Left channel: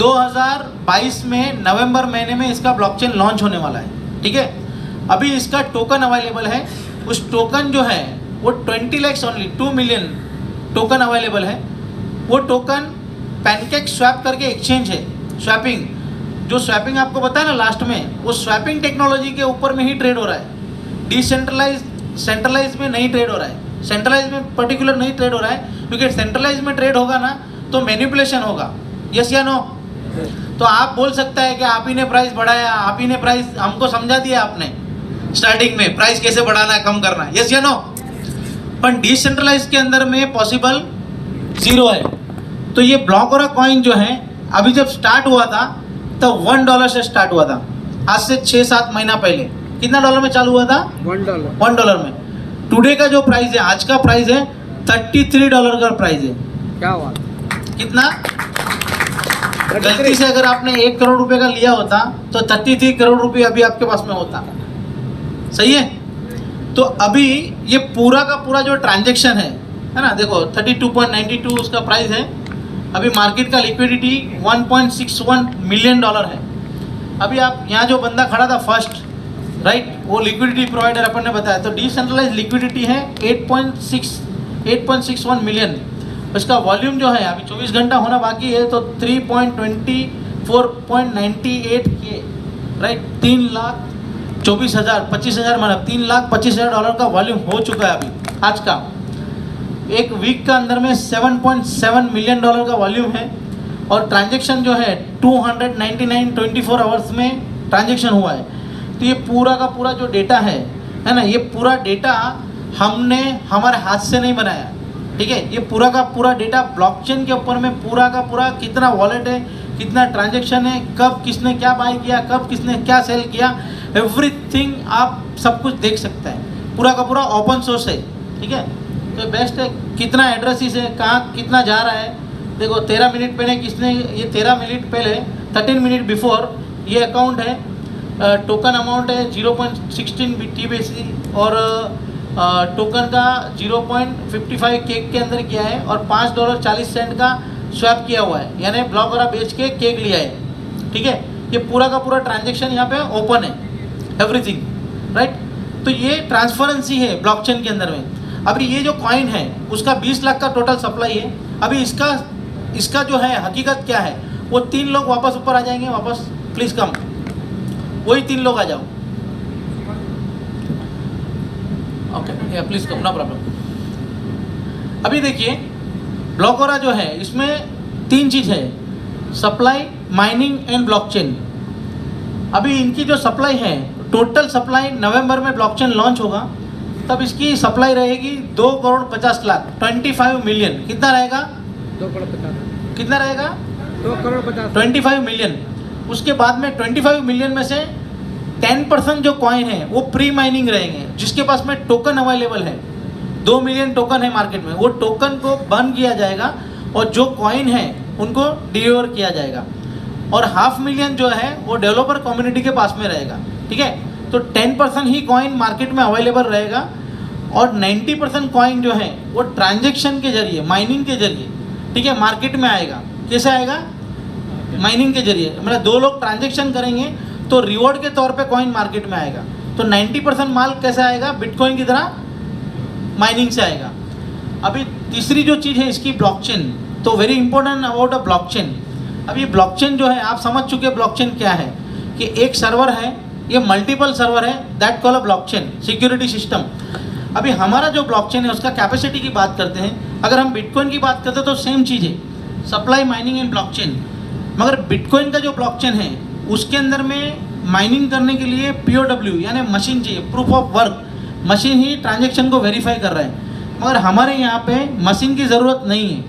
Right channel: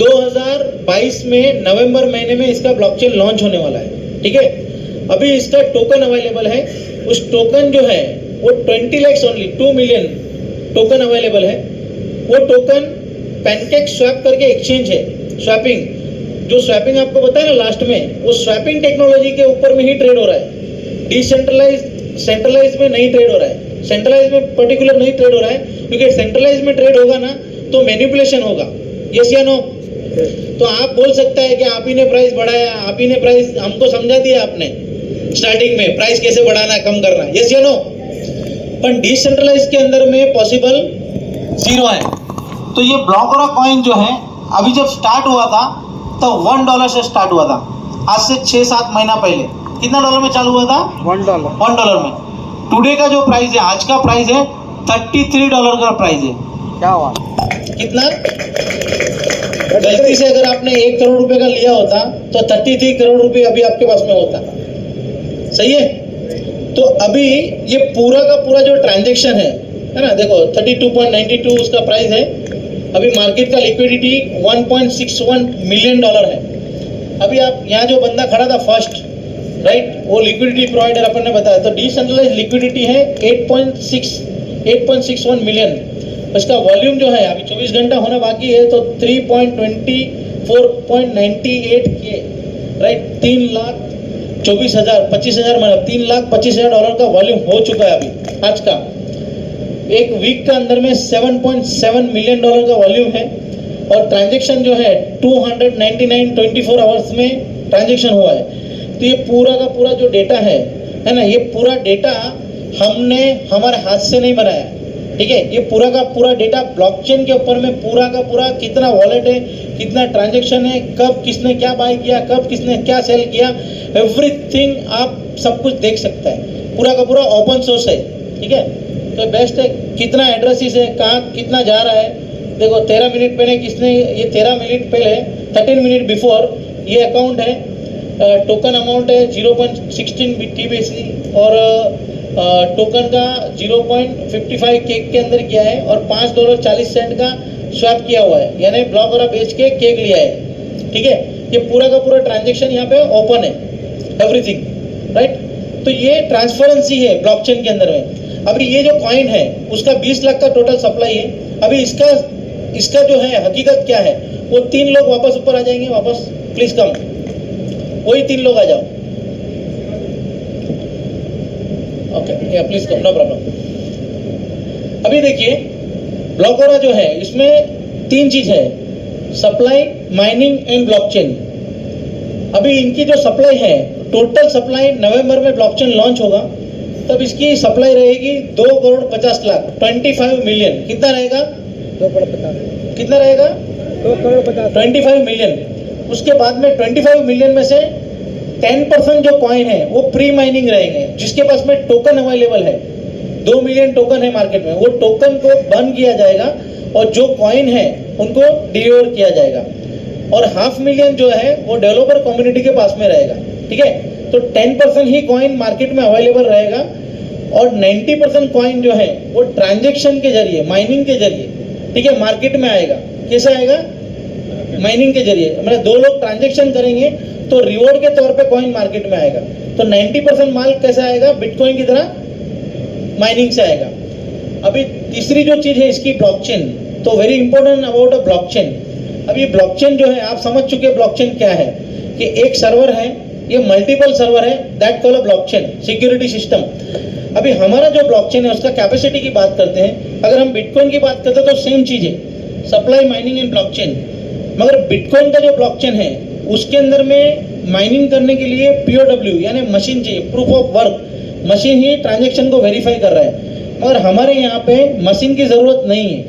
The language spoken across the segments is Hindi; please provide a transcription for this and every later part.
2022 में नवंबर महीने में इसका ब्लॉकचेन लॉन्च होने वाला है, ठीक है। अभी इसका टोकन अवेलेबल है, उस टोकन जो है वो 20 lakhs only, 2 million token available है। वो टोकन पैनकेक स्वैप करके एक्सचेंज है, स्वैपिंग, जो स्वैपिंग आपको बताया ना लास्ट में, वो स्वैपिंग टेक्नोलॉजी के ऊपर में ही ट्रेड हो रहा है। डिसेंट्रलाइज सेंट्रलाइज में नहीं ट्रेड हो रहा है, सेंट्रलाइज में पर्टिकुलर नहीं ट्रेड हो रहा है, क्योंकि सेंट्रलाइज में ट्रेड होगा ना तो मैनिपुलेशन होगा, यस या नो। तो आप बोल सकता है कि आप ही ने प्राइस बढ़ाया, आप ही ने प्राइस हमको समझा दिया आपने स्टार्टिंग में प्राइस कैसे बढ़ाना है, कम करना है, यस या नो। पर डिसेंट्रलाइज के अंदर में पॉसिबल जीरो है। तो ये ब्लॉकरा कॉइन जो है अभी जब स्टार्ट हुआ था तो $1 से स्टार्ट हुआ था, आज से 6-7 महीना पहले। कितना डॉलर में चालू हुआ था? $1 में। टुडे का जो प्राइस है, आज का प्राइस है $33 का प्राइस है। क्या हुआ? कितना? गलती से अगर आपने 1 करोड़ रुपए का लिया होता तो 33 करोड़ रुपए अभी आपके पास में होता, सही है। तो अभी ये पूरा का पूरा जो ट्रांजेक्शन है ना, देखो 32.92 उसका प्राइस है। अभी मार्केट का लिक्विडिटी $1.61 मिलियन है। अभी आप यहाँ जो बंदा खड़ा था फर्स्ट, राइट, वो लिक्विडिटी प्रोवाइडर अपन ने बताया, तो डिसेंट्रलाइज लिक्विडिटी है 8.61 मिलियन। उसका वॉल्यूम जो है अभी 24 घंटा होना बाकी है, तो 3.24.98 के, राइट, 3,24,000 25,000 मतलब $3,25,000 का वॉल्यूम हो चुका है अभी आज का। एक वीक का अंदर में $7.7 मिलियन का वॉल्यूम है, और ट्रांजेक्शन जो है 299 24 आवर्स में ट्रांजेक्शन हुआ है। तो ये पूरा का पूरा जो डेटा है ना, ये पूरा डेटा हमने हमारे हाथ से नहीं बनाया, ठीक है। ये पूरा का पूरा डेटा ब्लॉकचेन के ऊपर में पूरा का पूरा कितना वॉलेट है, कितना ट्रांजेक्शन है, कब किसने क्या बाय किया, कब किसने क्या सेल किया, एवरीथिंग आप सब कुछ देख सकते हैं। पूरा का पूरा ओपन सोर्स है, ठीक है। तो बेस्ट है, कितना एड्रेसेस है, कहाँ कितना जा रहा है। देखो 13 मिनट पहले किसने, ये 13 मिनट पहले 13 मिनट बिफोर ये अकाउंट है, टोकन अमाउंट है 0.16 TBC, और टोकन का 0.55 केक के अंदर किया है, और $5.40 का स्वैप किया हुआ है, यानी ब्लॉक वगैरह बेच के केक लिया है, ठीक है। ये पूरा का पूरा ट्रांजेक्शन यहाँ पे ओपन है, एवरीथिंग, राइट। तो ये ट्रांसपेरेंसी है ब्लॉकचेन के अंदर में। अभी ये जो कॉइन है उसका 20 लाख का टोटल सप्लाई है। अभी इसका जो है हकीकत क्या है, वो 3 लोग वापस ऊपर आ जाएंगे, वापस प्लीज कम, वही 3 लोग आ जाओ, okay, please come, no problem. अभी देखिए ब्लॉकरा जो है इसमें 3 चीज है, सप्लाई, माइनिंग एंड ब्लॉकचेन। अभी इनकी जो सप्लाई है, टोटल सप्लाई नवंबर में ब्लॉकचेन लॉन्च होगा, तब इसकी सप्लाई रहेगी 2,50,00,000 25 मिलियन। कितना रहेगा? 2,50,00,000। कितना रहेगा? 2,50,00,000 25 मिलियन। उसके बाद में 25 मिलियन में से 10% जो कॉइन है वो प्री माइनिंग रहेंगे, जिसके पास में टोकन अवेलेबल है। 2 मिलियन टोकन है मार्केट में, वो टोकन को बर्न किया जाएगा और जो कॉइन है उनको डिलीवर किया जाएगा, और 500,000 जो है वो डेवलपर कम्युनिटी के पास में रहेगा, ठीक है। तो 10% ही कॉइन मार्केट में अवेलेबल रहेगा, और 90% कॉइन जो है वो ट्रांजेक्शन के जरिए, माइनिंग के जरिए, ठीक है, मार्केट में आएगा। कैसे आएगा? माइनिंग के जरिए, मतलब 2 लोग ट्रांजेक्शन करेंगे तो रिवॉर्ड के तौर पे कॉइन मार्केट में आएगा। तो 90% माल कैसे आएगा? बिटकॉइन की तरह माइनिंग से आएगा। अभी तीसरी जो चीज़ है इसकी ब्लॉकचेन, तो very important about a blockchain. अभी ब्लॉकचेन जो है आप समझ चुके हैं ब्लॉकचेन क्या है, कि एक सर्वर है, ये मल्टीपल सर्वर है, that call a blockchain security system. अभी हमारा जो ब्लॉकचेन है उसका कैपेसिटी की बात करते हैं, अगर हम बिटकॉइन की बात करते हैं तो सेम चीज़ है, सप्लाई, माइनिंग एंड ब्लॉकचेन। मगर बिटकॉइन का जो ब्लॉकचेन है उसके अंदर में माइनिंग करने के लिए POW यानी मशीन चाहिए, proof of work, machine he transaction को वेरीफाई कर रहा है। मगर हमारे यहाँ पे मशीन की ज़रूरत नहीं है।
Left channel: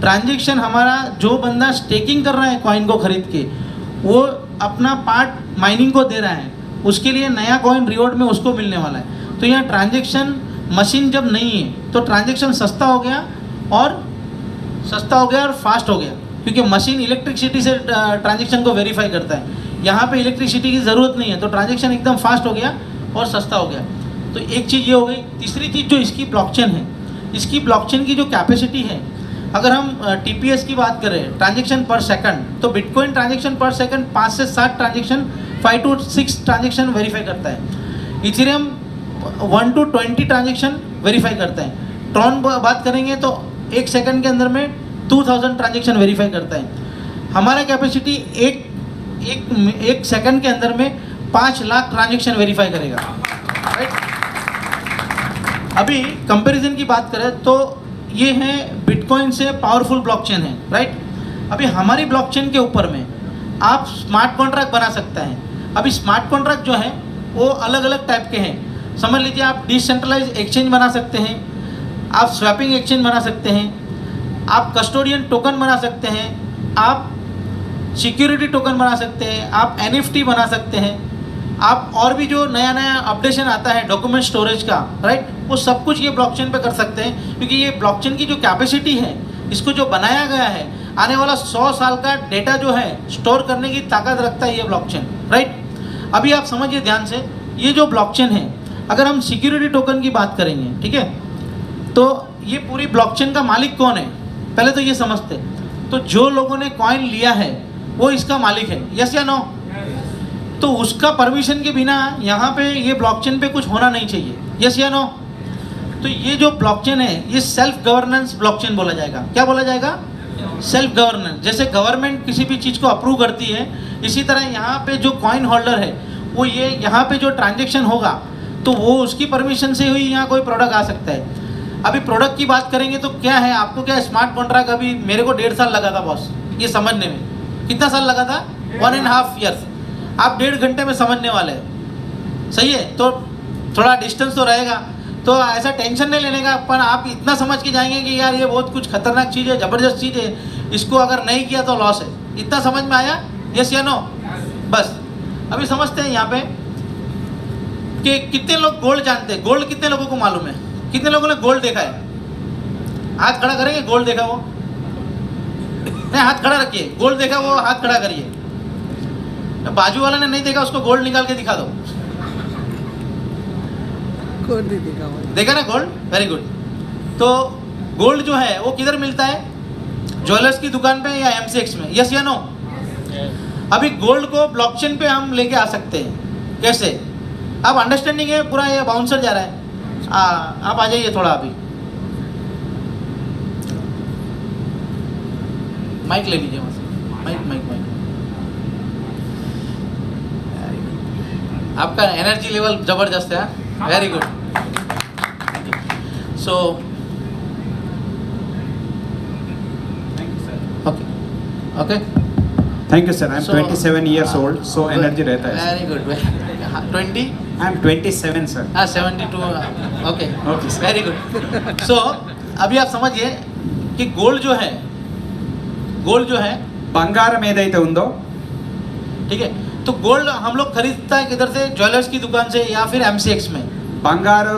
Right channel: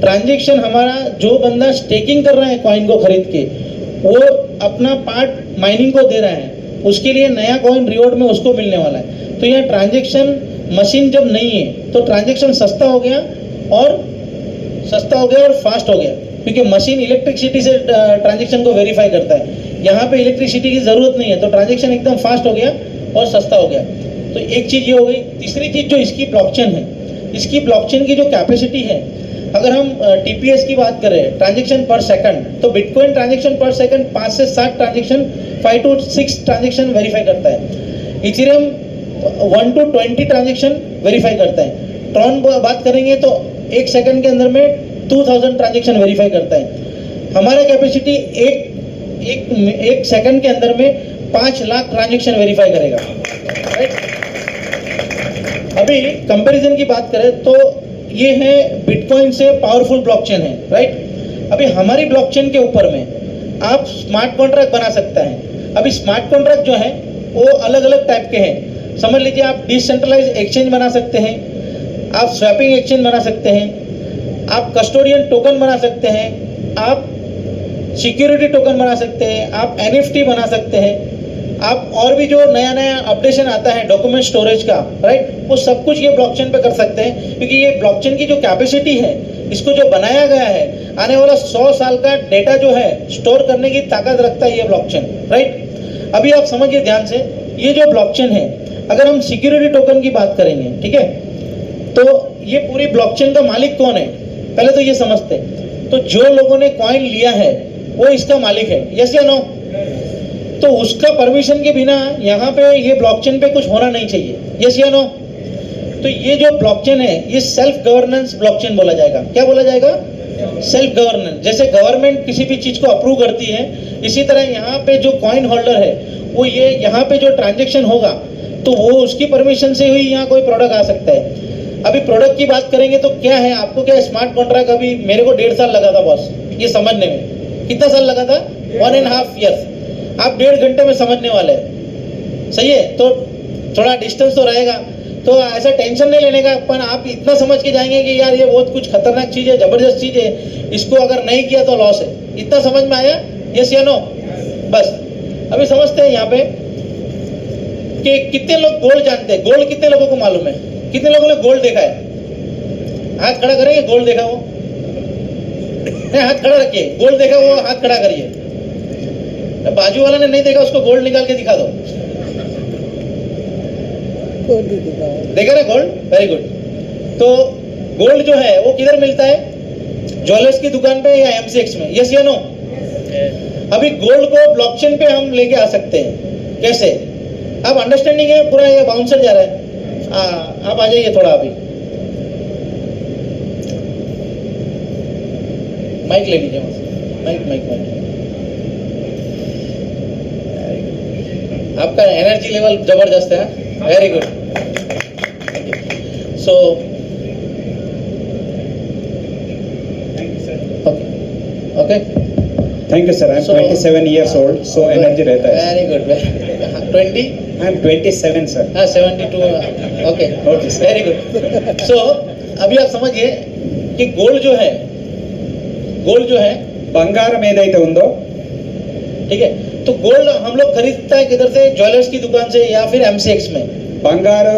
ट्रांजेक्शन हमारा जो बंदा स्टेकिंग कर रहा है कॉइन को खरीद के, वो अपना पार्ट माइनिंग को दे रहा है, उसके लिए नया कॉइन रिवॉर्ड में उसको मिलने वाला है। तो यहाँ ट्रांजेक्शन मशीन जब नहीं है तो ट्रांजेक्शन सस्ता हो गया और फास्ट हो गया, क्योंकि मशीन इलेक्ट्रिसिटी से ट्रांजेक्शन को वेरीफाई करता है। यहाँ पे इलेक्ट्रिसिटी की ज़रूरत नहीं है, तो ट्रांजेक्शन एकदम फास्ट हो गया और सस्ता हो गया। तो एक चीज़ ये हो गई। तीसरी चीज़ जो इसकी ब्लॉकचेन है, इसकी ब्लॉकचेन की जो कैपेसिटी है, अगर हम टीपीएस की बात करें, ट्रांजेक्शन पर सेकंड, तो बिटकॉइन ट्रांजेक्शन पर सेकंड 5 से 7 ट्रांजेक्शन, 5 to 6 ट्रांजेक्शन वेरीफाई करता है। इथेरियम 1 to 20 ट्रांजेक्शन वेरीफाई करता है। ट्रॉन बात करेंगे तो 1 सेकंड के अंदर में 2000 ट्रांजेक्शन वेरीफाई करता है। हमारा कैपेसिटी एक सेकंड के अंदर में 5 लाख ट्रांजेक्शन वेरीफाई करेगा, राइट। अभी कंपैरिजन की बात करें तो ये है बिटकॉइन से पावरफुल ब्लॉकचेन है, राइट। अभी हमारी ब्लॉकचेन के ऊपर में आप स्मार्ट कॉन्ट्रैक्ट बना सकते हैं। अभी स्मार्ट कॉन्ट्रैक्ट जो है वो अलग अलग टाइप के हैं। समझ लीजिए आप डिसेंट्रलाइज एक्सचेंज बना सकते हैं, आप स्वैपिंग एक्सचेंज बना सकते हैं, आप कस्टोडियन टोकन बना सकते हैं, आप सिक्योरिटी टोकन बना सकते हैं, आप एनएफटी बना सकते हैं, आप और भी जो नया नया अपडेशन आता है डॉक्यूमेंट स्टोरेज का, राइट, वो सब कुछ ये ब्लॉकचेन पे कर सकते हैं। क्योंकि ये ब्लॉकचेन की जो कैपेसिटी है, इसको जो बनाया गया है, आने वाला 100 साल का डेटा जो है स्टोर करने की ताकत रखता है ये ब्लॉकचेन, राइट। अभी आप समझिए ध्यान से, ये जो ब्लॉकचेन है, अगर हम सिक्योरिटी टोकन की बात करेंगे, ठीक है, तो ये पूरी ब्लॉकचेन का मालिक कौन है, पहले तो ये समझते। तो जो लोगों ने कॉइन लिया है वो इसका मालिक है, यस या नो। तो उसका परमिशन के बिना यहाँ पे ये ब्लॉकचेन पे कुछ होना नहीं चाहिए, यस या नो। तो ये जो ब्लॉकचेन है ये सेल्फ गवर्नेंस ब्लॉकचेन बोला जाएगा। क्या बोला जाएगा? Self governance. जैसे गवर्नमेंट किसी भी चीज़ को अप्रूव करती है, इसी तरह यहाँ पे जो कॉइन होल्डर है वो ये यहाँ पे जो ट्रांजेक्शन होगा तो वो उसकी परमिशन से ही यहाँ कोई प्रोडक्ट आ सकता है। अभी प्रोडक्ट की बात करेंगे तो क्या है, आपको क्या स्मार्ट कॉन्ट्रैक्ट, अभी मेरे को 1.5 साल लगा था बॉस ये समझने में। कितना साल लगा था? 1.5 years। आप 1.5 घंटे में समझने वाले हैं, सही है। तो थोड़ा डिस्टेंस तो रहेगा, तो ऐसा टेंशन नहीं लेने का, पर आप इतना समझ के जाएंगे कि यार ये बहुत कुछ खतरनाक चीज़ है, ज़बरदस्त चीज़ है, इसको अगर नहीं किया तो लॉस है। इतना समझ में आया, यस या नो? बस अभी समझते हैं यहाँ पे कि कितने लोग गोल्ड जानते हैं। गोल्ड कितने लोगों को मालूम है? कितने लोगों ने गोल्ड देखा है? हाथ खड़ा करेंगे, गोल्ड देखा वो नहीं, हाथ खड़ा रखिए, गोल्ड देखा वो हाथ खड़ा करिए। बाजू वाले ने नहीं देखा, उसको गोल्ड निकाल के दिखा दो। गोल्ड देखा हुआ है। देखा ना गोल्ड? Very good. तो गोल्ड जो है वो किधर मिलता है? ज्वेलर्स की दुकान पे या एमसीएक्स में, यस या नो? अभी गोल्ड को ब्लॉकचेन पे हम लेके आ सकते हैं। कैसे? अब अंडरस्टैंडिंग है पूरा? ये बाउंसर जा रहा है, आप आ जाइए थोड़ा। अभी माइक ले लीजिए, माइक माइक माइक। आपका एनर्जी लेवल जबरदस्त है, very good. So okay okay, Thank you, sir. I'm 27 years old, so energy रहता है. Very good, very good. 20? I'm 27, sir. 72, okay Okay, sir. Very good. So अभी आप समझिए कि गोल्ड जो है బంగారం ఏదైతే ఉందో, ठीक है, तो गोल्ड हम लोग खरीदता है किधर से? ज्वेलर्स की दुकान से या फिर एमसीएक्स में। బంగారు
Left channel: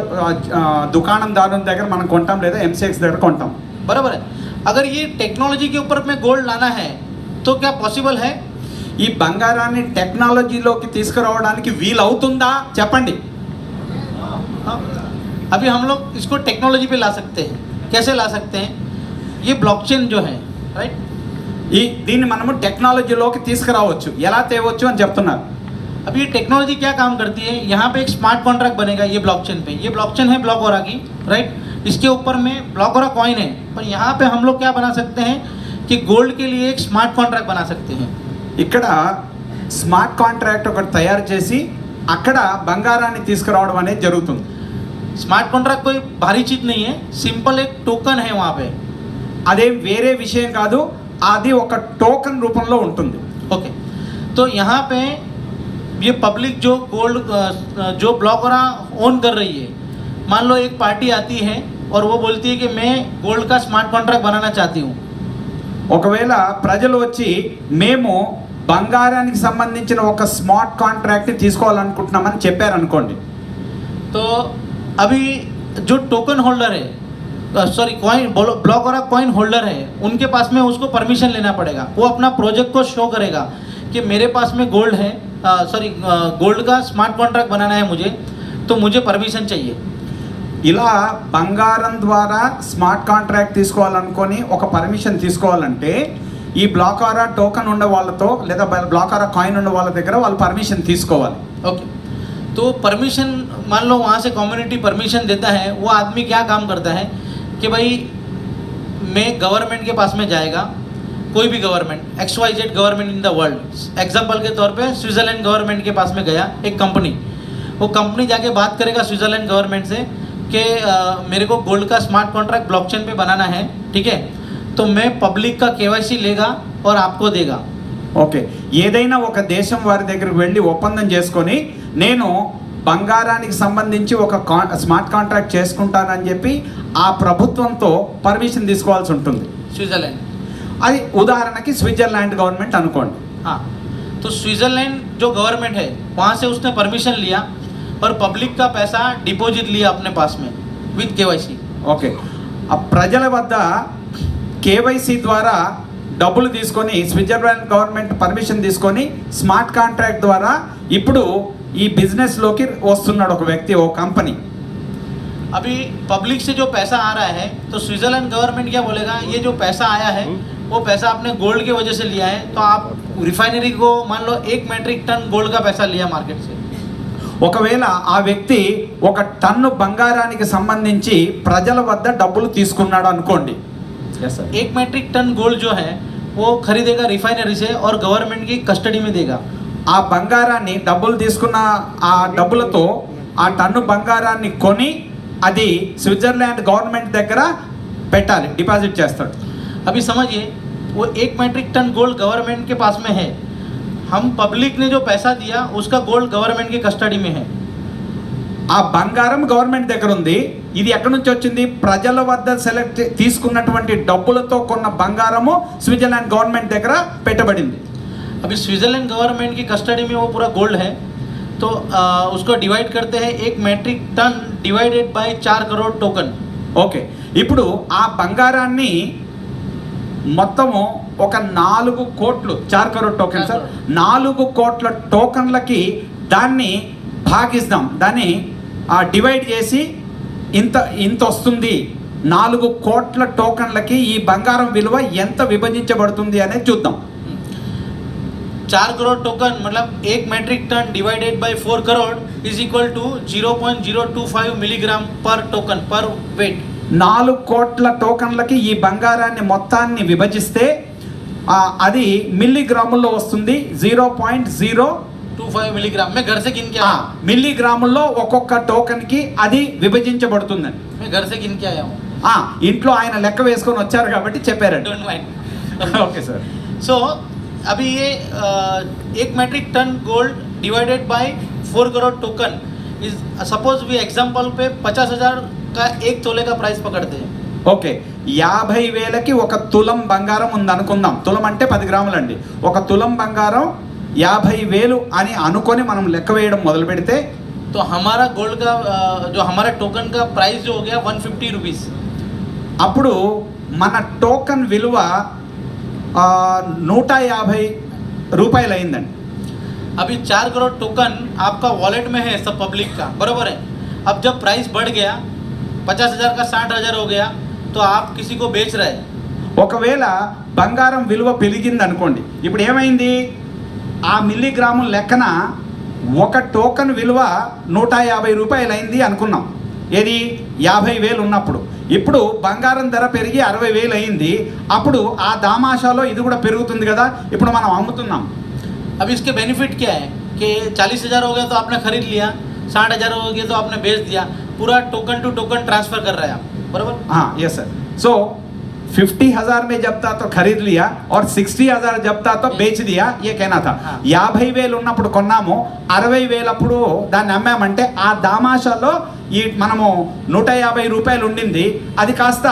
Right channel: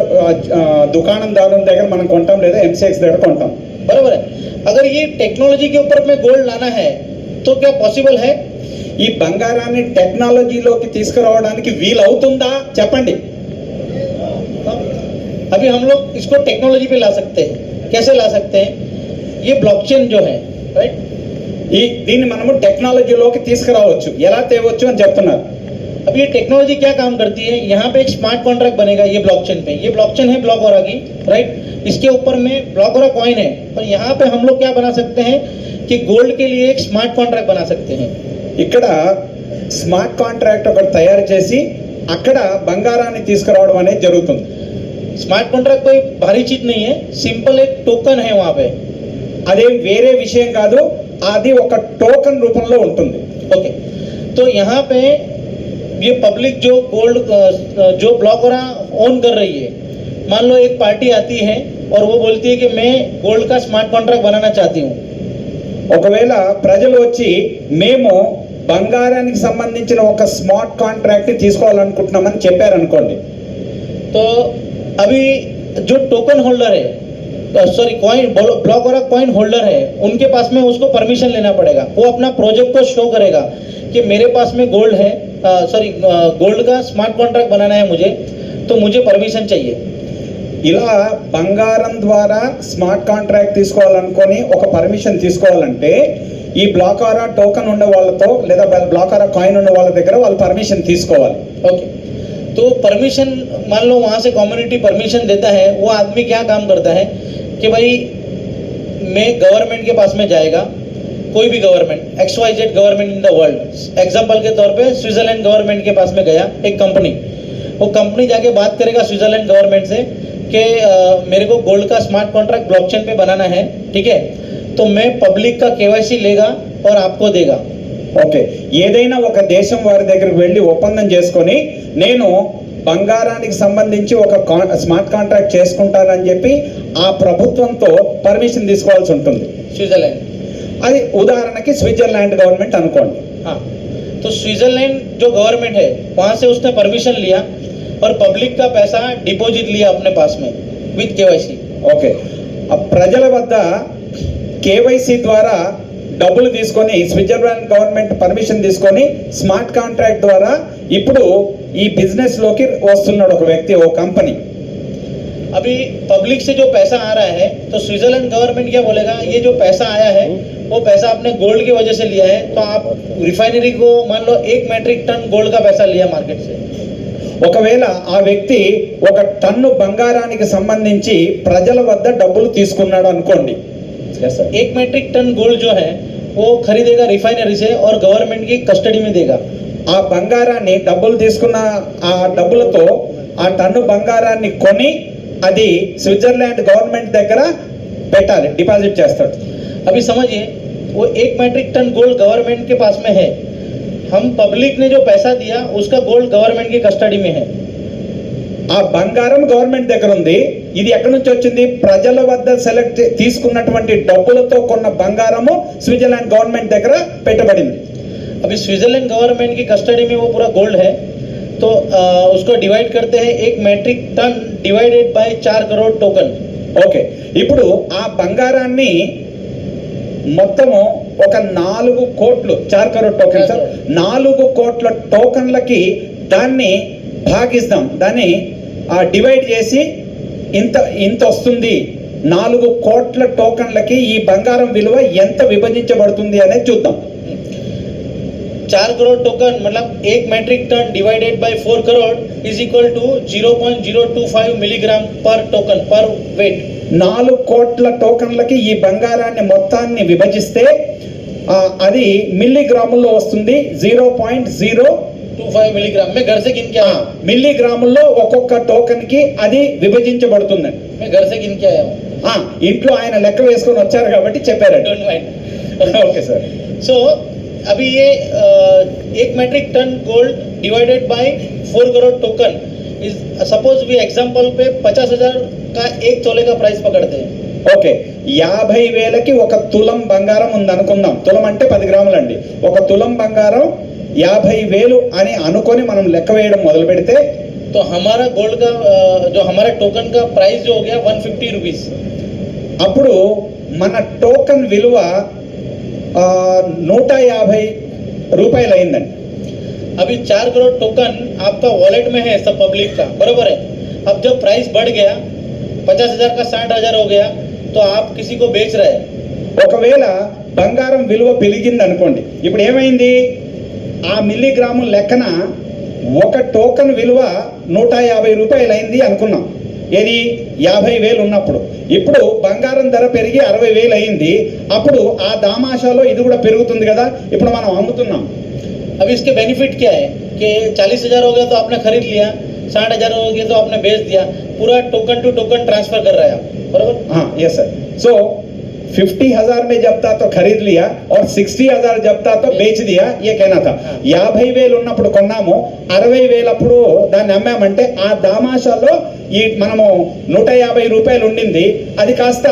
దుకాణందారుల దగ్గర మనం కొంటాం లేదా ఎంసీఎక్స్ దగ్గర కొంటాం. बराबर है। अगर ये टेक्नोलॉजी के ऊपर में गोल्ड लाना है तो क्या पॉसिबल है? ఈ బంగారాన్ని టెక్నాలజీలోకి తీసుకురావడానికి వీలు అవుతుందా చెప్పండి. हाँ? अभी हम लोग इसको टेक्नोलॉजी पे ला सकते हैं। कैसे ला सकते हैं? ये ब्लॉकचेन जो है, राइट, దీన్ని మనము టెక్నాలజీలోకి తీసుకురావచ్చు. ఎలా తేవచ్చు అని చెప్తున్నారు. अब ये टेक्नोलॉजी क्या काम करती है? यहाँ पे एक स्मार्ट कॉन्ट्रैक्ट बनेगा ये ब्लॉकचेन पे। ये ब्लॉकचेन है ब्लॉकओरा की, राइट। इसके ऊपर में ब्लॉकओरा कॉइन है, पर यहाँ पे हम लोग क्या बना सकते हैं कि गोल्ड के लिए एक स्मार्ट कॉन्ट्रैक्ट बना सकते हैं। ఇక్కడ స్మార్ట్ కాంట్రాక్ట్ ఒకటి తయారు చేసి అక్కడ బంగారాన్ని తీసుకురావడం అనేది జరుగుతుంది. स्मार्ट कॉन्ट्रैक्ट कोई भारी चीज नहीं है, सिंपल एक टोकन है वहाँ पे। అదేం వేరే విషయం కాదు, అది ఒక టోకన్ రూపంలో ఉంటుంది. ओके, तो यहाँ पे ये पब्लिक जो गोल्ड जो ब्लॉकओरा ओन कर रही है, मान लो एक पार्टी आती है और वो बोलती है कि मैं गोल्ड का स्मार्ट कॉन्ट्रैक्ट बनाना चाहती हूँ। ఒకవేళ ప్రజలు వచ్చి మేము బంగారానికి సంబంధించిన ఒక స్మార్ట్ కాంట్రాక్ట్ తీసుకోవాలనుకుంటున్నామని చెప్పారనుకోండి, तो अभी जो टोकन होल्डर है, सॉरी कॉइन ब्लॉकओरा कॉइन होल्डर है, उनके पास में उसको परमिशन लेना पड़ेगा। वो अपना प्रोजेक्ट को शो करेगा कि मेरे पास में गोल्ड है, सॉरी गोल्ड का स्मार्ट कॉन्ट्रैक्ट बनाना है मुझे, तो मुझे परमिशन चाहिए। ఇలా బంగారం ద్వారా స్మార్ట్ కాంట్రాక్ట్ తీసుకోవాలనుకొని ఒక పర్మిషన్ తీసుకోవాలంటే ఈ బ్లాకారా టోకన్ ఉన్న వాళ్ళతో లేదా బ్లాకారా కాయిన్ ఉన్న వాళ్ళ దగ్గర వాళ్ళు పర్మిషన్ తీసుకోవాలి. ओके, तो परमिशन मान लो वहाँ से कम्युनिटी परमिशन देता है, वो आदमी क्या काम करता है कि भाई मैं गवर्नमेंट के पास में जाएगा, कोई भी government XYZ government in the world, example के तौर पे स्विट्जरलैंड गवर्नमेंट के पास में गया एक कंपनी, वो कंपनी जाके बात करेगा स्विट्जरलैंड गवर्नमेंट से कि मेरे को गोल्ड का स्मार्ट कॉन्ट्रैक्ट ब्लॉकचेन पे बनाना है, ठीक है, तो मैं पब्लिक का KYC लेगा और आपको देगा. ఓకే, ఏదైనా ఒక దేశం వారి దగ్గరికి వెళ్ళి ఒప్పందం చేసుకొని నేను బంగారానికి సంబంధించి ఒక స్మార్ట్ కాంట్రాక్ట్ చేసుకుంటానని చెప్పి ఆ ప్రభుత్వంతో పర్మిషన్ తీసుకోవాల్సి ఉంటుంది. स्विट्जरलैंड, అది ఉదాహరణకి స్విట్జర్లాండ్ గవర్నమెంట్ అనుకోండి. हाँ, तो स्विट्जरलैंड जो गवर्नमेंट है वहाँ से उसने परमिशन लिया और पब्लिक का पैसा डिपॉजिट लिया अपने पास में विथ KYC. ఓకే, ఆ ప్రజల వద్ద కేవైసీ ద్వారా డబ్బులు తీసుకొని స్విట్జర్లాండ్ గవర్నమెంట్ పర్మిషన్ తీసుకొని స్మార్ట్ కాంట్రాక్ట్ ద్వారా ఇప్పుడు ఈ బిజినెస్లోకి వస్తున్నాడు ఒక వ్యక్తి, ఓ కంపెనీ. अभी पब्लिक से जो पैसा आ रहा है तो स्विट्जरलैंड गवर्नमेंट क्या बोलेगा, ये जो पैसा आया है वो पैसा आपने गोल्ड की वजह से लिया है, तो आप रिफाइनरी को मान लो 1 मेट्रिक टन गोल्ड का पैसा लिया मार्केट से. ఒకవేళ ఆ వ్యక్తి ఒక టన్ను బంగారానికి సంబంధించి ప్రజల వద్ద డబ్బులు తీసుకున్నాడు అనుకోండి. 1 मेट्रिक टन गोल्ड जो है वो खरीदेगा रिफाइनरी से और गवर्नमेंट की कस्टडी में देगा. ఆ బంగారాన్ని డబ్బులు తీసుకున్న ఆ డబ్బులతో ఆ టన్ను బంగారాన్ని కొని అది స్విట్జర్లాండ్ గవర్నమెంట్ దగ్గర పెట్టాలి, డిపాజిట్ చేస్తాడు. अभी समझिए, वो 1 मेट्रिक टन गोल्ड गवर्नमेंट के पास में है, हम पब्लिक ने जो पैसा दिया उसका गोल्ड गवर्नमेंट की कस्टडी में है. ఆ బంగారం గవర్నమెంట్ దగ్గర ఉంది. ఇది ఎక్కడి నుంచి వచ్చింది? ప్రజల వద్ద సెలెక్ట్ తీసుకున్నటువంటి డబ్బులతో కొన్న బంగారము స్విట్జర్లాండ్ గవర్నమెంట్ దగ్గర పెట్టబడింది. अभी स्विट्जरलैंड गवर्नमेंट की कस्टडी में वो पूरा गोल्ड है, तो उसको डिवाइड करते हैं 1 metric ton divided by 4 crore token. Okay, ఇప్పుడు ఆ బంగారాన్ని మొత్తము ఒక 4 కోట్లు 4 కరోడ్ టోకెన్ సార్ 4 కోట్ల టోకన్లకి దాన్ని భాగిస్తాం, దాన్ని డివైడ్ చేసి ఇంత ఇంత వస్తుంది. 4 కోట్ల టోకన్లకి ఈ బంగారం విలువ ఎంత విభజించబడుతుంది అనేది చూద్దాం. 4 करोड़ टोकन मतलब 1 metric ton divided by 4 crore is equal to 0.025 milligram per token per weight. 4 కోట్ల టోకన్లకి ఈ బంగారాన్ని మొత్తాన్ని విభజిస్తే అది మిల్లీగ్రాముల్లో వస్తుంది. 0.025 मिलीग्राम. मैं घर से गिन के आया हूँ. మిల్లీగ్రాముల్లో ఒక్కొక్క టోకన్కి అది విభజించబడుతుందండి. मैं घर से गिन के आया हूँ. ఇంట్లో ఆయన లెక్క వేసుకొని వచ్చారు కాబట్టి చెప్పారండి. Don't mind. Okay sir. So अभी ये 1 metric ton gold divided by 4 crore token is suppose we example पे 50,000 का 1 तोले का प्राइस पकड़ते हैं. ఓకే, 50,000కి ఒక తులం బంగారం ఉంది అనుకుందాం. తులం అంటే 10 గ్రాములండి. ఒక తులం బంగారం 50,000 అని అనుకొని మనం లెక్క వేయడం మొదలు పెడితే तो हमारा गोल्ड का जो हमारा टोकन का प्राइस जो हो गया 150 रुपीज़. అప్పుడు మన టోకన్ విలువ 150 రూపాయలు అయిందండి. अभी 4 करोड़ टोकन आपका वॉलेट में है सब पब्लिक का, बरोबर है. अब जब प्राइस बढ़ गया 50,000 का 60,000 हो गया तो आप किसी को बेच रहे हैं. ఒకవేళ బంగారం విలువ పెరిగింది అనుకోండి, ఇప్పుడు ఏమైంది? ఆ మిల్లీగ్రాము లెక్కన ఒక టోకన్ విలువ 150 రూపాయలు అయింది అనుకున్నాం. ఏది 50,000 ఉన్నప్పుడు. ఇప్పుడు బంగారం ధర పెరిగి 60,000 అయింది. అప్పుడు ఆ దామాషాలో ఇది కూడా పెరుగుతుంది కదా, ఇప్పుడు మనం అమ్ముతున్నాం. अब इसके बेनिफिट क्या है कि 40,000 हो गया तो आपने खरीद लिया, 60,000 हो गया तो आपने बेच दिया, पूरा टोकन टू टोकन ट्रांसफर कर रहे हैं आप, बराबर. हाँ यस सर. सो 50,000 में जब था तो खरीद लिया और 60,000 जब था तो बेच दिया, ये कहना था. 50,000 ఉన్నప్పుడు కొన్నాము, 60,000 అప్పుడు దాన్ని అమ్మామంటే ఆ దామాషాలో ఈ మనము 150 రూపాయలు ఉండింది, అది కాస్త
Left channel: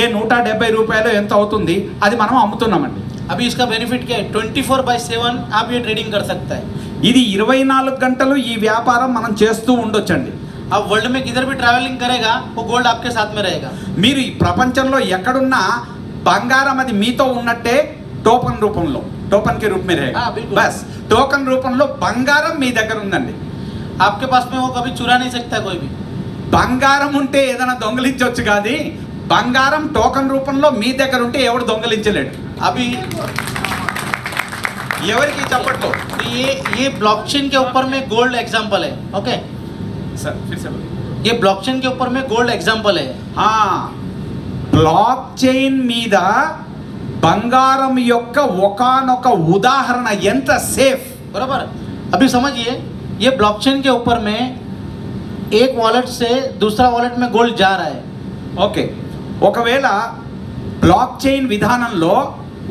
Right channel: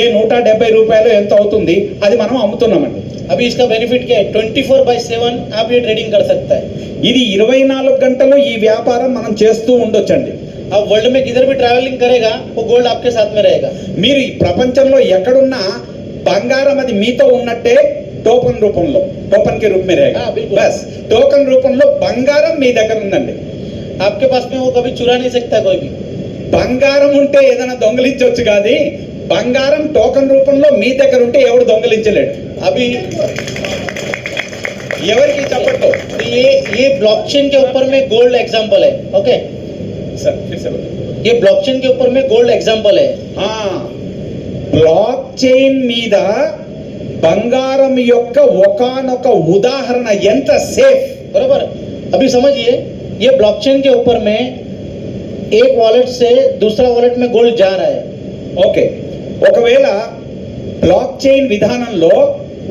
170 రూపాయలు ఎంత అవుతుంది, అది మనం అమ్ముతున్నామండి. अभी इसका बेनिफिट क्या है? 24/7 आप ये ट्रेडिंग कर सकता है. ఇది 24 గంటలు ఈ వ్యాపారం మనం చేస్తూ ఉండొచ్చండి. आप वर्ल्ड में किधर भी ट्रैवलिंग करेगा वो गोल्ड आपके साथ में रहेगा. మీరు ఈ ప్రపంచంలో ఎక్కడున్నా బంగారం అది మీతో ఉన్నట్టే టోకన్ రూపంలో, టోకన్ కి రూప్ में रहेगा. बिल्कुल. बस టోకన్ రూపంలో బంగారం మీ దగ్గర ఉందండి. आपके पास में वो कभी चुरा नहीं सकता कोई भी. బంగారం ఉంటే ఏదైనా దొంగలించవచ్చు, కానీ బంగారం టోకన్ రూపంలో మీ దగ్గర ఉంటే ఎవడు దొంగలించలేడు. अभी ఎవరికి చెప్పట్లో तो ये ब्लॉकचेन के ऊपर में गोल्ड एग्जांपल है. ओके, సార్ ये ब्लॉकचेन के ऊपर में गोल्ड एग्जांपल है. బ్లాక్ చైన్ మీద బంగారం యొక్క ఒకానొక ఉదాహరణ. ఎంత సేఫ్. बराबर. अभी समझिए, ये ब्लॉकचेन के ऊपर में एक वॉलेट से दूसरा वॉलेट में गोल्ड जा रहा है. ఓకే, ఒకవేళ బ్లాక్ చైన్ విధానంలో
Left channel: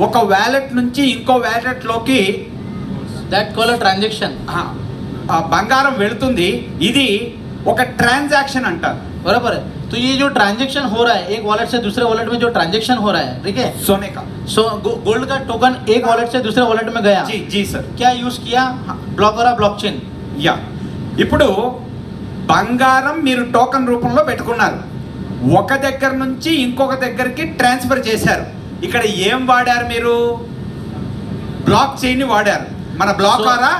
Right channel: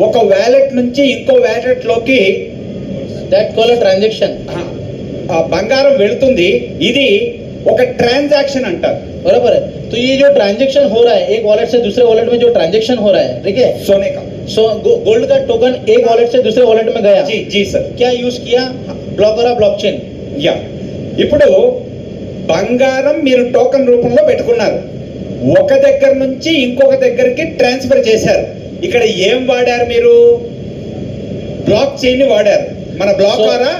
ఒక వ్యాలెట్ నుంచి ఇంకో వ్యాలెట్ లోకి दैट कॉल ट्रांजेक्शन. బంగారం వెళుతుంది. ఇది ఒక ట్రాన్సాక్షన్ అంటారు. बराबर है. तो ये जो ट्रांजेक्शन हो रहा है एक वॉलेट से दूसरे वॉलेट में जो ट्रांजेक्शन हो रहा है, ठीक है, सोने का. सो गोल्ड का टोकन एक वॉलेट से दूसरे वॉलेट में गया. जी जी सर. क्या यूज किया? ब्लॉकरा ब्लॉकचेन. యా, ఇప్పుడు బంగారం మీరు టోకన్ రూపంలో పెట్టుకున్నారు, ఒక దగ్గర నుంచి ఇంకొక దగ్గరికి ట్రాన్స్ఫర్ చేశారు. ఇక్కడ ఏం వాడారు మీరు? బ్లాక్ చైన్ వాడారు, మన బ్లాక్ ద్వారా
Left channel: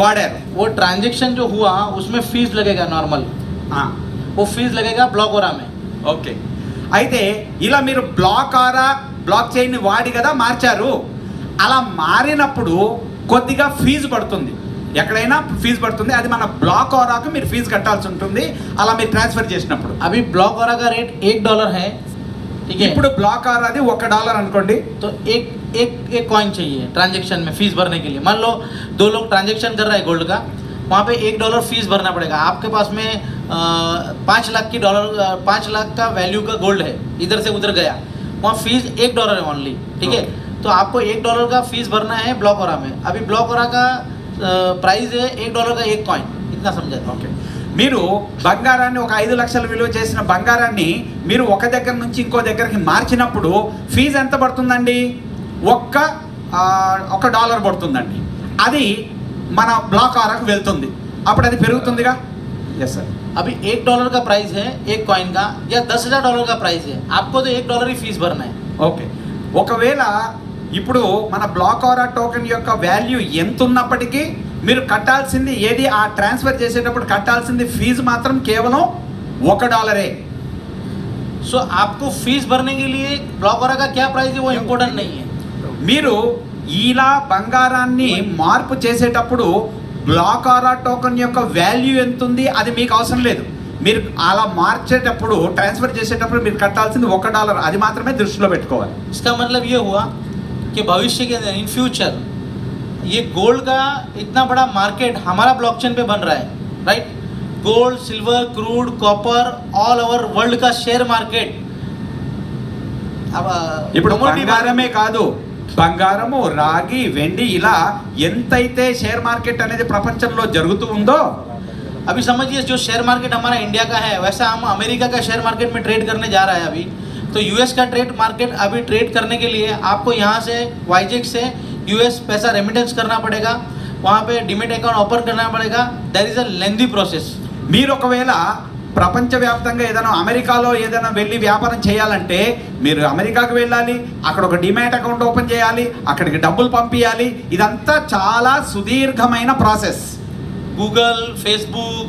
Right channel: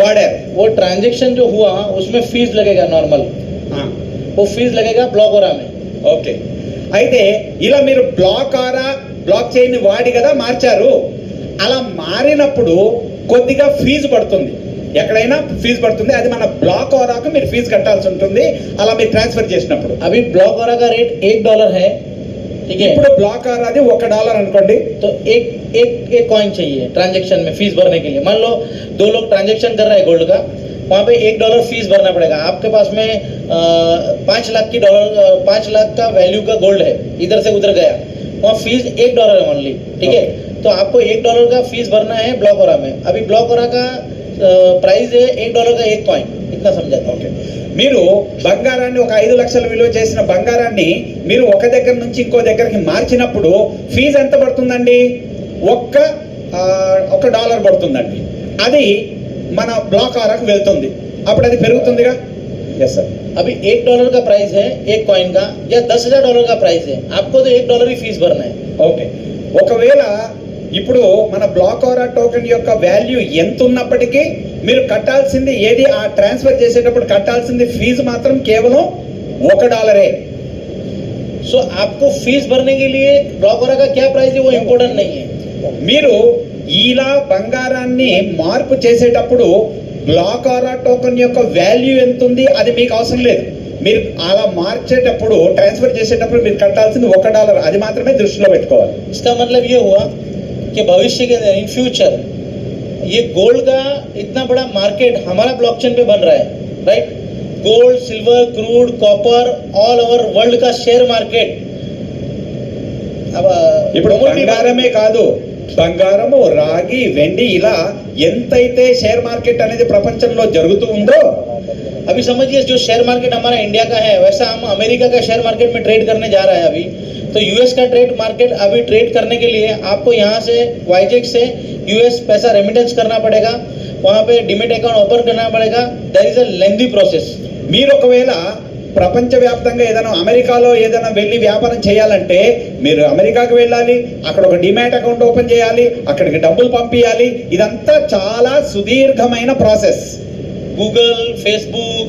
వాడారు. वो ट्रांजेक्शन जो हुआ उसमें फीस लगेगा नॉर्मल, वो फीस लगेगा ब्लॉकरा में. ఓకే, అయితే ఇలా మీరు బ్లాక్ చైన్ వాడి కదా మార్చారు. అలా మారినప్పుడు కొద్దిగా ఫీజు పడుతుంది, ఎక్కడైనా ఫీజు పడుతుంది. అది మన బ్లాక్ ఆరాకు మీరు ఫీజు కట్టాల్సి ఉంటుంది అలా మీరు ట్రాన్స్ఫర్ చేసినప్పుడు. अभी ब्लॉकरा का रेट $1 है, ठीक है. ఇప్పుడు బ్లాక్ ఆరాది $1 అనుకోండి. तो एक एक एक कॉइन चाहिए ट्रांजेक्शन में फीस भरने के लिए. मान लो 2 लोग ट्रांजेक्शन कर रहे हैं गोल्ड का, वहाँ पे $1 फीस भरना पड़ेगा. आपके पास में 5 लाख की डॉलर 5 लाख का वैल्यू का गोल्ड है, इधर से उधर गया, वहाँ फीस $1 है ओनली, ठीक है. तो आपको $1 का फीस भरना है ब्लॉकरा में. अभी ब्लॉकरा का प्राइस है $1 का एक कॉइन. इतना समझा था. ఓకే, మీరు బంగారాన్ని ఒక 5 లక్షల విలువ చేసిన బంగారాన్ని మీరు ఒక దగ్గర నుంచి ఇంకో దగ్గరికి మార్చినప్పుడు ఫీజు ఎంత పడుతుందండి? $1 పడుతుందండి. అది మన బ్లాక్ ఆరాకు వెళ్తుంది, అప్పుడు అది పెరుగుతుందిగా. Yes sir. अभी $1 का प्राइस है एक कॉइन का, या $10,000 का प्राइस है, आपको तो $1 ही फीस भरना है. ఓకే, ఒకవేళ ఇప్పుడు మన బ్లాక్ ఆరా టోకెన్ యొక్క వాల్యూ ఎంత ఉన్నప్పటికీ మీరు కట్టాల్సింది ఏది? ఆ ట్రాన్స్ఫర్ చేసేటప్పుడు కట్టాల్సింది ఫీజు మాత్రం కేవలం $1. सो आपको फीस भरने के लिए ब्लॉकरा का क्या प्राइस है वो इम्पोर्टेंट नहीं है. మీరు ఇలా బంగారాన్ని మార్పు చేసేటప్పుడు బ్లాక్ ఆరా టోకెన్ యొక్క వాల్యూ ఎంత ఉంది అది మీకు అవసరం లేదు. మీరు అలా మార్చేటప్పుడు ట్రాన్స్ఫర్ చేసేటప్పుడు మీరు కట్టాల్సింది $1, అది మాత్రమే దృష్టిలో పెట్టుకోవాలి. इसका मतलब ये हुआ कि भविष्य के इन फ्यूचर ये गोल्ड का इतना बड़ा मार्केट हमारा ब्लॉकचेन पे बन रहा है, right. Gold, silver, crude, copper, all over world का शेयर मार्केट. अब ఇప్పుడు commodity బంగారమే కాదు, బంగారము, రాగి, వెండి ఇలా ఎంతైతే షేర్ మార్కెట్ అనేది ప్రపంచంలో జరుగుతూ ఉందో. अभी समझिए जो शेयर मार्केट हमारा इंडिया का है वैसा हम अमेरिका का शेयर मार्केट में ट्रेड करने जा रहा है अभी. तो यूएस का ट्रेड मार्केट अभी ट्रेड करने के लिए आपको यहाँ से वाईजेक से यूएस पैसा रेमिटेंस करना पड़ेगा, वहाँ पे डिमेट अकाउंट ओपन करना पड़ेगा. That is a lengthy process. మీరు ఒకవేళ ప్రపంచవ్యాప్తంగా ఏదైనా అమెరికాలో ఏదైనా వెళ్ళి వ్యాపారం చేయాలంటే మీరు అమెరికాకు వెళ్ళాలి, అక్కడ ఒక డిమాట్ అకౌంట్ ఓపెన్ చేయాలి, అక్కడికి డబ్బులు పంపించాలి. ఇదంతా చాలా సుదీర్ఘమైన ప్రాసెస్. गूगल, फेसबुक,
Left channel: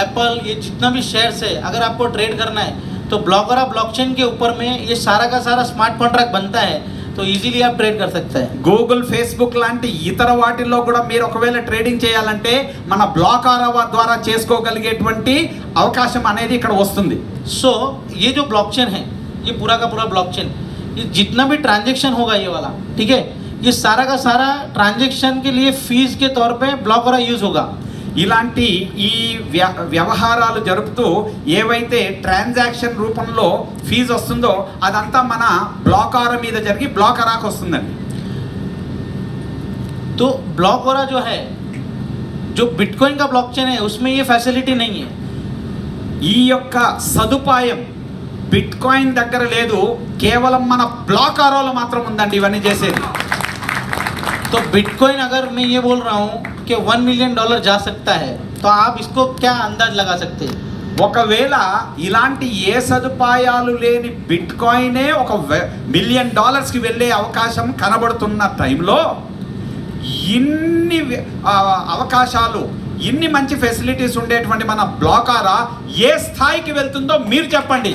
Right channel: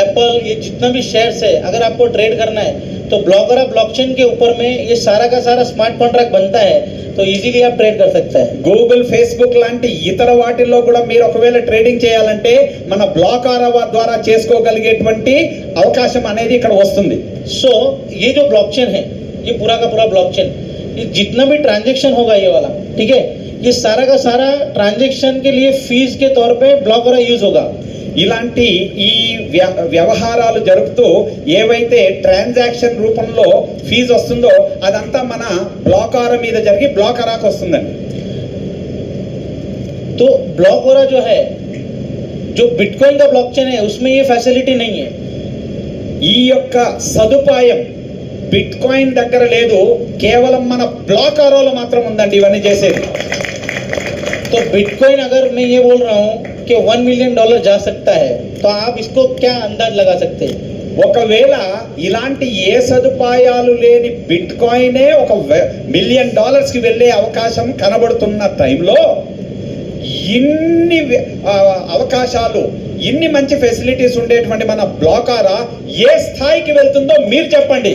एप्पल, ये जितना भी शेयर्स है अगर आपको ट्रेड करना है तो ब्लॉकरा ब्लॉकचेन के ऊपर में ये सारा का सारा स्मार्ट कॉन्ट्रैक्ट बनता है, तो इजीली आप ट्रेड कर सकते हैं. గూగుల్, ఫేస్బుక్ లాంటి ఇతర వాటిల్లో కూడా మీరు ఒకవేళ ట్రేడింగ్ చేయాలంటే మన బ్లాక్ ఆరా ద్వారా చేసుకోగలిగేటువంటి అవకాశం అనేది ఇక్కడ వస్తుంది. सो ये जो ब्लॉकचेन है ये पूरा का पूरा ब्लॉकचेन, ये जितना भी ट्रांजेक्शन होगा ये वाला, ठीक है, ये सारा का सारा ट्रांजेक्शन के लिए फीस के तौर पे ब्लॉकरा यूज होगा. ఇలాంటి ఈ వ్యవహారాలు జరుపుతూ ఏవైతే ట్రాన్సాక్షన్ రూపంలో ఫీజు వస్తుందో అదంతా మన బ్లాక్ ఆరా మీద జరిగి బ్లాక్ ఆరాకు వస్తుందండి. तो ब्लॉकरा जो है जो बिटकॉइन का ब्लॉकचेन है उसमें ये फैसिलिटी नहीं है. ఈ యొక్క సదుపాయం బిట్ కాయిన్ దగ్గర లేదు, కేవలం మన బ్లాక్ ఆరాలో మాత్రం ఉందండి ఇవన్నీ చేసేది. तो बिटकॉइन अगर मैं ये बोल रहा हूँ कि $1 मिलियन जा सकता है, तो आप इसको क्या अंदाज लगा सकते हैं? ఒకవేళ ఇలాంటి ఏ సదుపాయాలు లేని బిట్ కాయినే $1 మిలియన్ కి వెళ్ళే అవకాశం కనబడుతున్న టైంలో ఇన్ని అవకాశాలు ఇన్ని మంచి ఫెసిలిటీస్ ఉండేటువంటి మన బ్లాకారా ఏ స్థాయికి వెళ్తుందో మీరు చెప్పండి.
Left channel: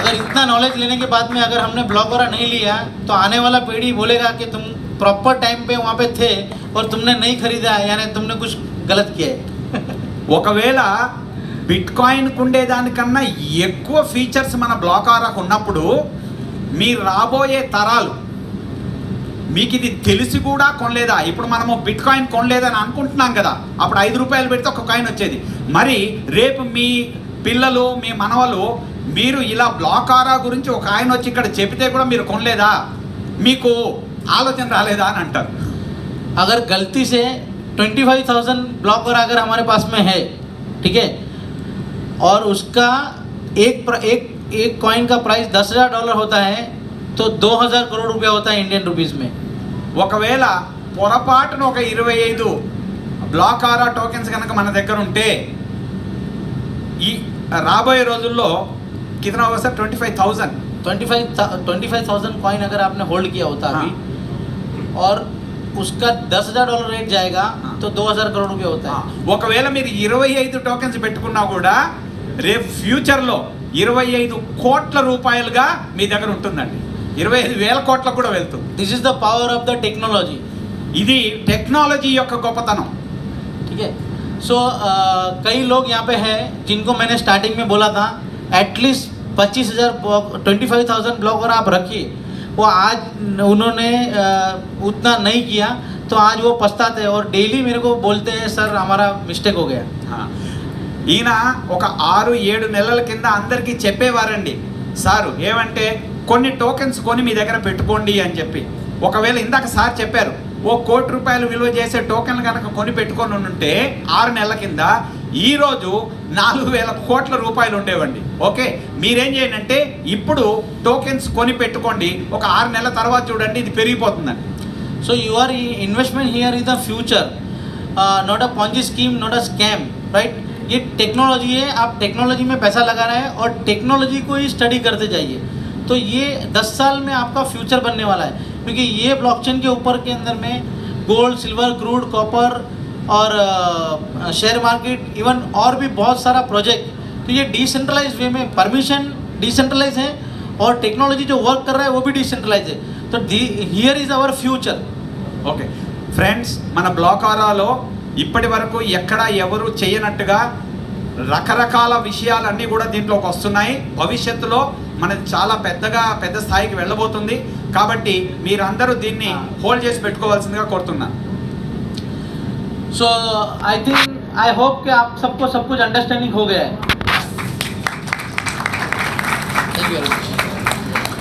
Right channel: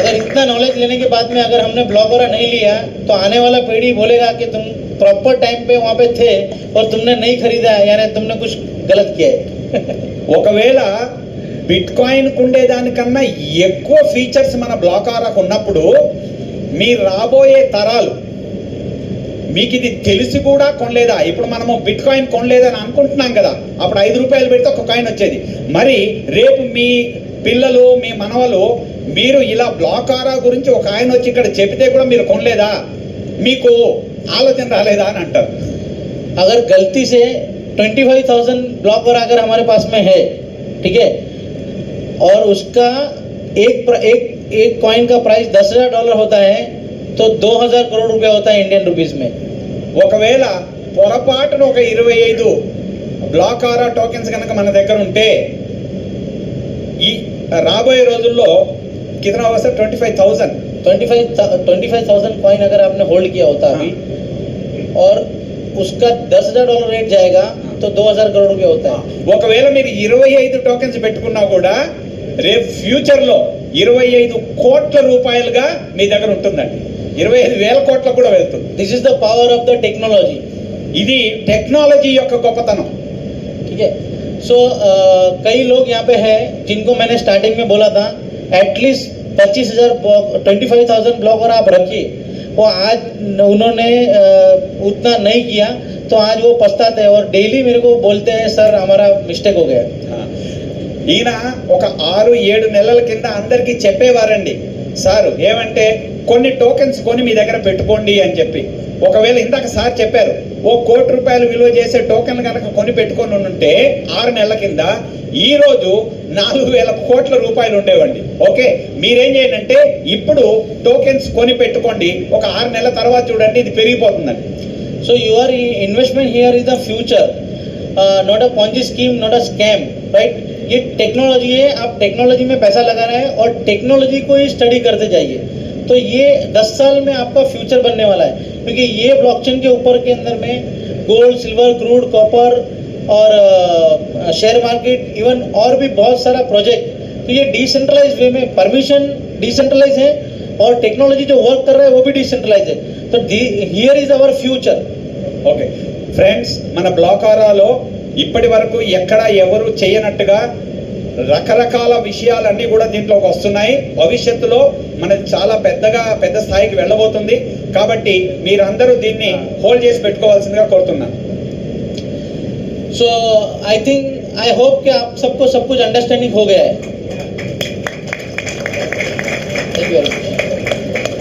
अगर इतना नॉलेज लेने के बाद में अगर हमने ब्लॉगोरा नहीं लिया तो आने वाला पीढ़ी बोलेगा कि तुम प्रॉपर टाइम पे वहाँ पे थे और तुमने नहीं खरीदा, यानी तुमने कुछ गलत किया है. ఒకవేళ బిట్ కాయిన్ ఉండేదానికన్నా ఎక్కువ ఫీచర్స్ మన బ్లాకారాకు ఉన్నప్పుడు మీ రాబోయే తరాలు మీకు ఇది తెలిసి కూడా కొనలేదా? ఇప్పుడు మనము బిట్ కాయిన్ కొనలేదని అనుకుంటున్నాం కదా, అప్పుడు 5 రూపాయలు పెడితే ఒక కాయిన్ వచ్చేది. మరి రేపు మీ పిల్లలు మీ మనవలు మీరు ఇలా బ్లాకారా గురించి ఒక ఆయన వచ్చి ఇక్కడ చెబితే కూడా మీరు కొనలేదా, మీకు ఆలోచన రాలేదా అని అంటారు. अगर गलती से 25,000 ब्लॉगर अगर हमारे पास में है, ठीक है, और उसका एक कॉइन का प्राइस $10,000 होता है तो 2,000 करोड़ रुपया होता है इंडियन रुपीस में. ఒకవేళ పొరపాటున ఒక 25 బ్లాకారా టోకెన్స్ కనుక మన దగ్గర ఉంటే ఈ రాబోయే రోజుల్లో कितना होगा सर? 25,000 कॉइन अगर आपने होल्ड किया होता अभी और उसका $10,000 रेट जाएगा तो 2,000 करोड़ रुपया होता है. ఒకవేళ మీరు 25 టోకెన్స్ పెట్టుకున్నా కూడా రేపు ఫ్యూచర్లో 25 కోట్ల రూపాయలుగా మీ దగ్గర ఉంటుందండి. 25,000 కోట్లకు కూడా వెళ్తుంది. This is the power of the technology. ఇది టెక్నాలజీ యొక్క గొప్పతనం. ठीक है. सो कई लोग यहाँ पे हैं जिनको मैंने स्टार्टिंग में बोला था एटलीस्ट 25,000 ब्लॉगर आप रखिए, वो आज उन्होंने उतना नहीं किया तो आज वो पछताते हैं और डेली मेरे को बोलते हैं सर हमारा मिस्टेक हो गया. ఈయన ఒక 6-7 నెలల కింద అందరికీ చెప్పేవారండి, సారు ఏమంటే కొన్ని టోకెన్స్ కొని మీ దగ్గర పెట్టుకోండి అని చెప్పి. ఒకవేళ ఇందాక సార్ చెప్పారు ఓ ₹1 కోటి విలువ చేసే టోకెన్లు కనుక కొని పెట్టుకొని ఉంటే 6 నెలల కింద ఈరోజు 4,000 కోట్ల రూపాయలు ఉండేవండి. ఓకే, మీరేం చేయండి అంటే ఇప్పుడు టోకెన్స్ కొని పెట్టుకోండి, ఒక 6 నెలల తర్వాత చూడండి ఇది పెరిగిపోతుందండి. So your investment here is the future, not a Ponzi scheme, not a scam, right? ये टेक्नोलॉजी है, आप टेक्नोलॉजी में पैसा लगाना है और टेक्नोलॉजी को ही स्टडी करते जाइए तो ये 10 साल में आपका फ्यूचर बनने वाला है. क्योंकि ये ब्लॉकचेन के ऊपर के अंदर में गोल्ड, सिल्वर, क्रूड, कॉपर और शेयर मार्केट इवन और भी बहुत सारा प्रोजेक्ट, तो ये डिसेंट्रलाइज वे में परमिशन डिसेंट्रलाइज है और टेक्नोलॉजी जो वर्क कर रहा है वो भी डिसेंट्रलाइज है. तो here is our future. Okay friends, మన బ్లాకారాలో ఇప్పటి వరకు ఎక్కడ ఎవరు చేయనట్టుగా రకరకాల విషయాలన్నీ కూడా దీంట్లోకి వస్తున్నాయి. భవిష్యత్తులో మనది చాలా పెద్ద స్థాయికి వెళ్ళబోతుంది. కాబట్టి మీరందరూ దీన్ని హోల్డ్ చేసి పెట్టుకోవాల్సిందిగా కోరుతున్నాను. सो आई थिंक आई होप कि आप सबको सब कुछ अंडरस्टैंडिंग हो गया है. Thank you very much.